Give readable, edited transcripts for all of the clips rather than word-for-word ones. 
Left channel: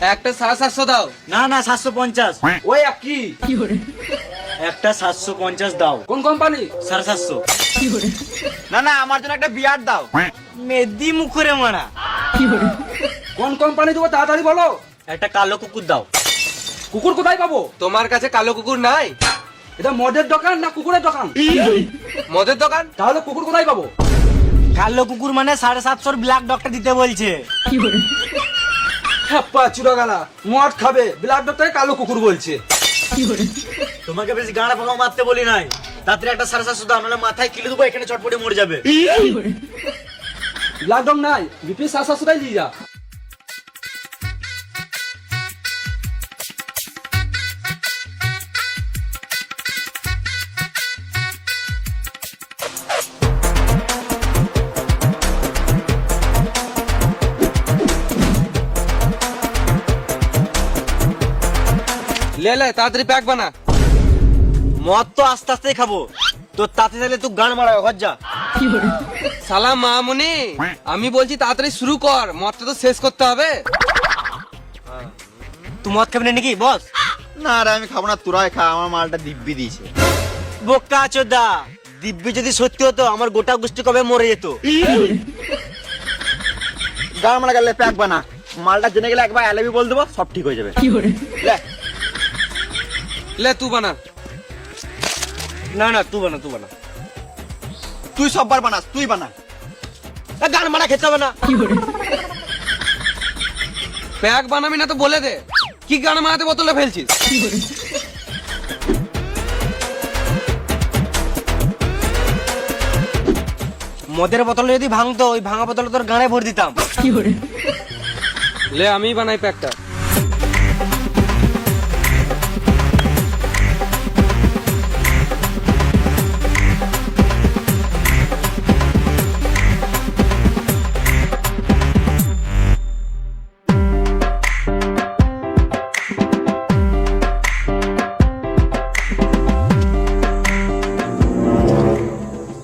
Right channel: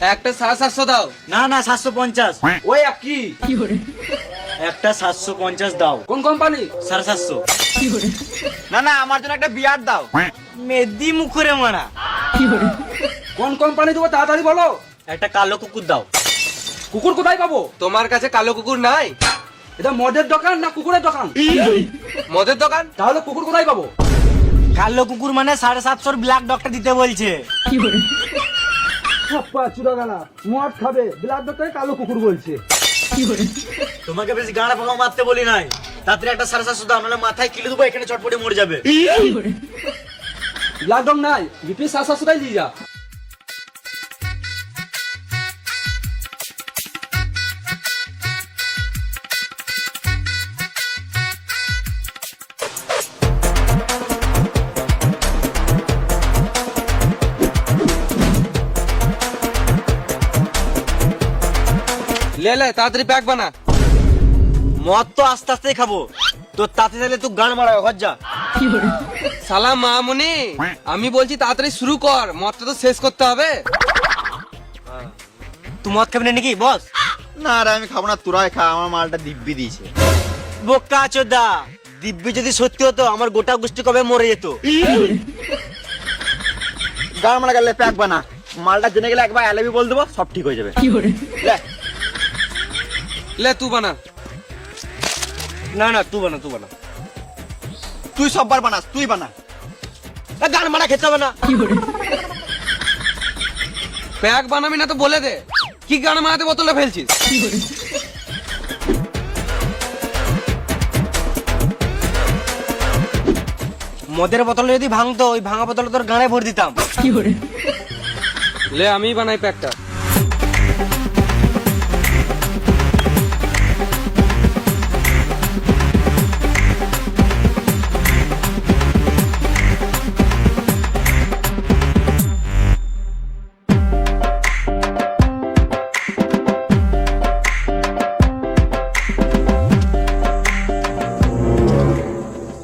একটা 750 দাও। না না 750। ওই কি একটা 750 দাও। কোন কোম্পানি? 750। না না আমার জন্য একটা বিয়ার দাও। মেদিম করে মারা। কোন কোম্পানি দেবো তাড়াতাড়ি বলো। একটা কালো কুকুর দাও। কুকুর কোথায় পাবো? তোমার কাছে কালো কুকুর নাই? এটা মদের দোকান না কুকুরের দোকান? মদের দোকান। তাহলে কুকুর কোথায় পাবো? কালো কুকুর মানে 750 ব্ল্যাক ডগটা দিতে বলছে। হাপ্পা চুরাগালা মদ খাবে ব্ল্যাক ডক্টর কালো কুকুর বলছে। তোমাকে বেশি গাড়া ফেলা মারতে বলি নাই। তাড়াতাড়ি একটা 750 দাও, নাহলে মাথায় কিলে দেবো, এখানে চটপটে মরে যাবে। তুই 750 নিয়ে যা। লে তাড়াতাড়ি প্যাক বানা। মদ তো আস্তে আস্তে খাবো, তোর তাতে তাহলে তো গান মারাবো। ঘর যা। সালাম মামুনি, আমি বলছি তাড়াতাড়ি শুরু কর, মদটা তো শেষ করতে হবে। তুই মদ খাবি না নাকি বস? না রে আমি খাবো না, তোরাই খা, আমার মালটা দিব্যি দিয়েছে। বোকা চোদা, দিব্যি যদি সত্যি হতো আমার গোটা গোষ্ঠী কবে মরে যেত। গাড় মারা গেলে প্যাক বানা, মালটা জেনে গেলে একবার এলবি বল দেবো, সব ঠিক হয়ে যাবে। লে তুই বানা। না না তুই বানা, তুই বানা। তুই সববার বানাস, তুই বানা। প্যাক বানাবি না তো বলে দে, কি গান মারাতে বোতলে ফেলছিস? মদের বোতল যদি ভাঙতো, ওই ভাঙা বোতলে তোর গানে ভরে দিতাম। লে আমি বানাই প্যাকটা।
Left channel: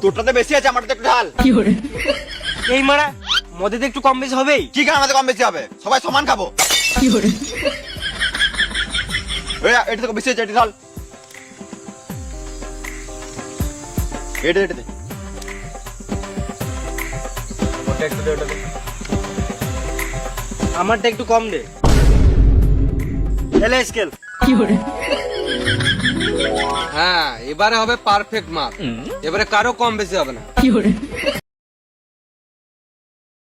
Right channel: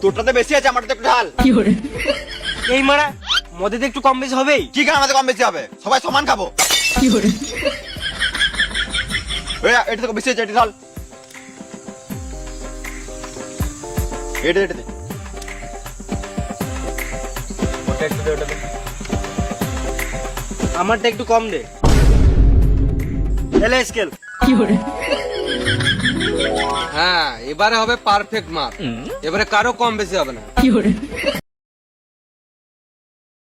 তোরটাতে বেশি আছে, আমারটা একটু ঢাল। এই মারা, মদে তো একটু কম বেশি হবেই। কি গান আমাদের কম বেশি হবে? সবাই সমান খাবো। এটা থেকে বেশি আছে, এটা ঢাল। এটা এটা দে। আমারটা একটু কম দে। এনে স্কেল। হ্যাঁ এবারে হবে পারফেক্ট মাপ, এবারে কারো কম বেশি হবে না।